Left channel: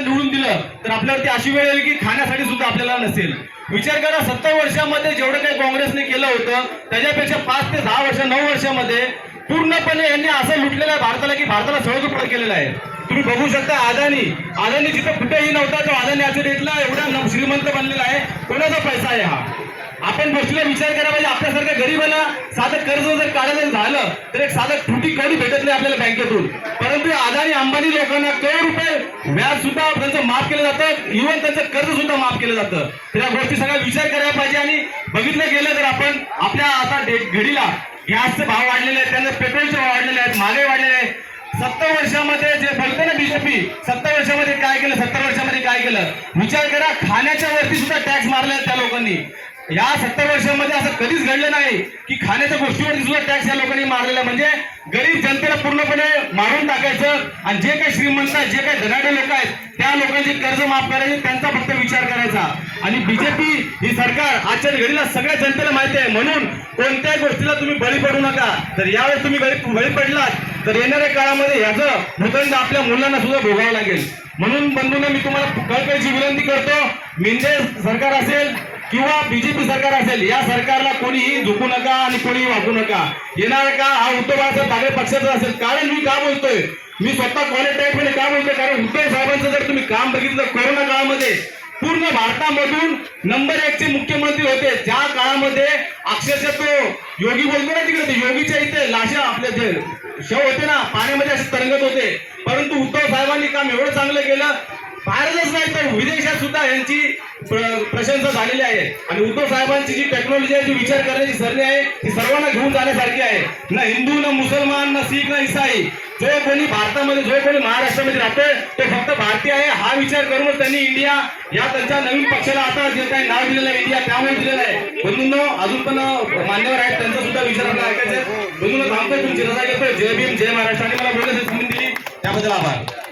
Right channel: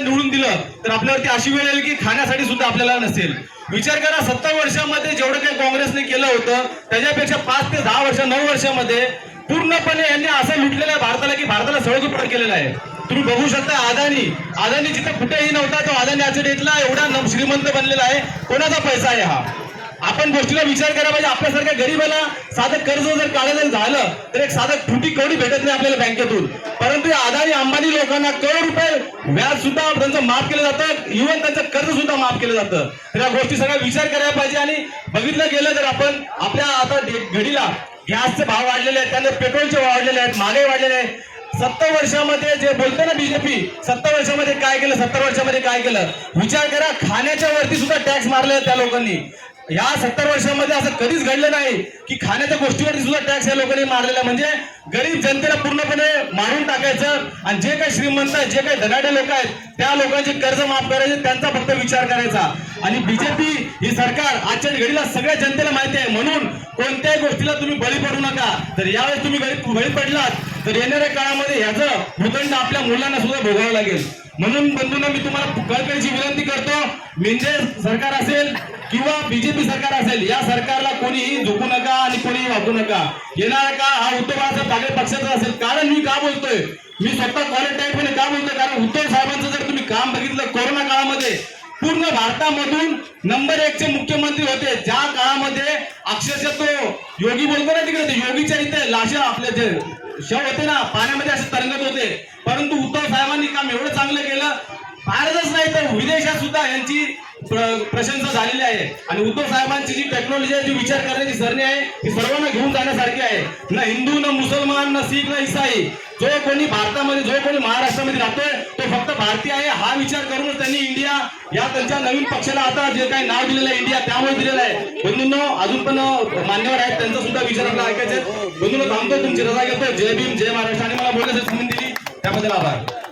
निवडून दिलं तर आपल्यावरती अशी वेळ येईल की खाण्यासाठी सुद्धा आपल्याला नसेल. विचार करा 70 वर्षामध्ये जेवढं काही काँग्रेसने केलं होतं त्याच्यापेक्षा 5 ते 10 वर्ष 9 वर्षामध्ये पूर्णपणे यांनी असं लुटलेलं आहे भारताला की भारताला सळगीपण केलेलं आहे. तुम्ही बघू शकता अदानी जिथं कुठेही नव्हता तो अदानी आजच्या डेटला एवढा श्रीमंत बनलेला आहे. कोणाचा पैसा आहे हा? आपण गोष्टीला विचार करायला पाहिजे. आपल्यासारख्या गरीबाला साधं कर्ज जर काढायचं झालं तर एक साधं फुटी कवडी भेटत नाही आपल्याला बँकेतून. परंतु अदानी अंबानी लोकांना करोड रुपये व्याज सुद्धा त्यांचं माफ केलं जातं, इव्हन त्यांचं कर्ज सुद्धा माफ केलं जातं. तर या गोष्टी सगळ्या विचार करायला पाहिजे. आणि बघितलं गेलं तर आपण आपल्या आता घडीला गॅसचे भाव वाढलेले आहेत, त्यानंतर पेट्रोलचे भाव वाढलेले आहेत, महागाई वाढलेले आहे. 70 वर्षामध्ये जे बोलतो ना बीजेपी 70 वर्षामध्ये काय केलं, 70 वर्षामध्ये काय केलं, विचार करा. खाण्याच्या वरती सुद्धा टॅक्स मारले त्या लोकांनी. या 70 वर्षामध्ये असं कधीच घडलं नाही की खाण्याच्या गोष्टीवरती सुद्धा टॅक्स या लोकांनी मारलेला. म्हणजे गरीब जनतेला पूर्णपणे मारून टाकायचं आणि जे काही श्रीमंत आहेत, जे काही धनाढ्य लोक आहेत त्या लोकांचे कर्ज माफ करायचे, त्यांचा फक्त विचार करायचा. आणि बीजेपी ही सरकार आजच्या घडीला सगळ्या जनतेला माहिती आहे, म्हणून कोणत्याही गोष्टीला तुम्ही बळी पडू नका. तर यावेळेस तुम्ही बळी पडलात तर येणाऱ्या काळामध्ये याचं भूतदंड आपल्या मुलांना सुद्धा भोगावं लागेल. म्हणून बंधूंनो, मी तुम्हाला कळकळीची विनंती करतो, मिंदे सरकार असेल किंवा बीजेपी सरकार असेल, या सरकारला कोणीही झुकू नका आणि कोणीही वागू नका. येणार का हा उद्धव बाळासाहेब ठाकरे पक्षाचा असेल. कारण मी का बोलतोय, मी स्वतः क्वालिटाईटमध्ये का बोलतोय, कारण उद्धव साहेबांचं जर तुम्ही काम बघितलं कोरोना काळामध्ये पूर्ण भारतामधून नंबर 1 चे मुख्यमंत्री होते. ज्या काळामध्ये अक्षरशः तो योगी बोलतो ना तिकडे, योगीच्या इथे लाशा आपले जे शव होते ना पाण्यामध्ये असे तरंगत होते. परंतु उद्धव साहेबांनी काम एवढं चांगलं केलं, भारतच नाही तर विदेशात सुद्धा यांची प्रशंसा झालेली आहे. आणि उद्धव साहेबांची जी टेक्नॉलॉजी आहे, जी विचार करण्याची सरणी आहे, ती सर्वांना घेऊन जाण्यासारखी आहे. ना हिंदू, ना मुसलमान, ना शीख, ना ईसाई, जो कोणी भारतामध्ये, जो कोणी महाराष्ट्रामध्ये राहतोय तो फक्त भारतीय आहे हा विचार करूनच त्यांनी इंडिया या त्यांच्या नवीन पक्षाला आता जे काही नाव दिलेलं आहे इंडिया त्यामुळे दिलेलं आहे. बंधूंनो, अजून पण मान्यवर आहेत, त्यांचा सुद्धा विचार आपल्याला ऐकायचा आहे. बंधूंनो, थांबतो, तुमची रजा घेतो. जय भीम, जय महाराष्ट्र. आणि मला बोलण्याची संधी दिली त्याबद्दल आभार.